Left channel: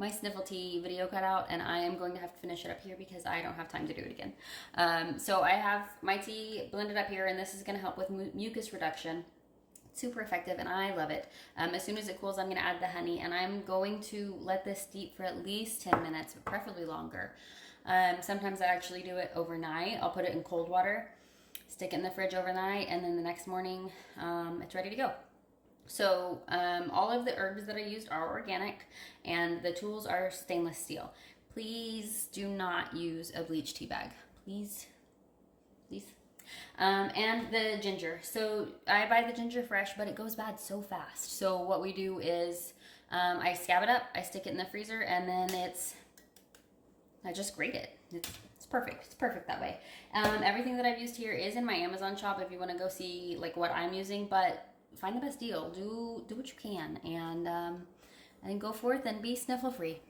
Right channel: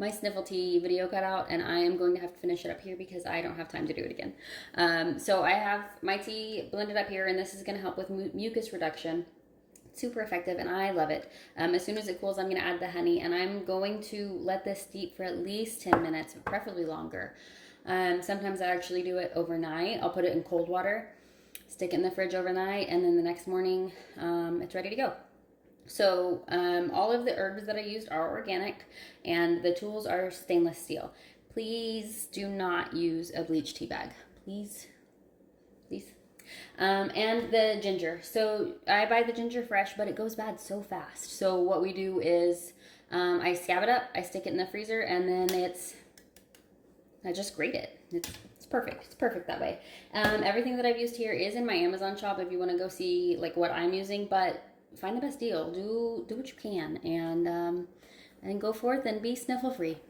my sniffle tea video cut out, and I am going to have to finish it up here because I don't have time to do it again. So I have my tea blended up here, and this is going to help with mucus reduction. Super effective, and I love it. As soon as it cools, I'm going to add the honey, and I'm going to let this steep for at least 10 minutes, preferably longer. Sometimes I actually do it overnight. I'll put it in cold water, stick it in the fridge overnight, and then the next morning it's ready to go. So all of the herbs that I used are organic, and the tools are stainless steel. Please do not use a bleach tea bag. Please. And the ginger. So I buy the ginger fresh, but it goes bad so fast. So what we do is I scab it up, I stick it in the freezer, and then I just grate it. It's perfect. It's perfect that way. Everything that I've used here is in my Amazon shop if you want to go see like what I'm using, but find the best deal. Do what you can, and go forth and be sniffle free.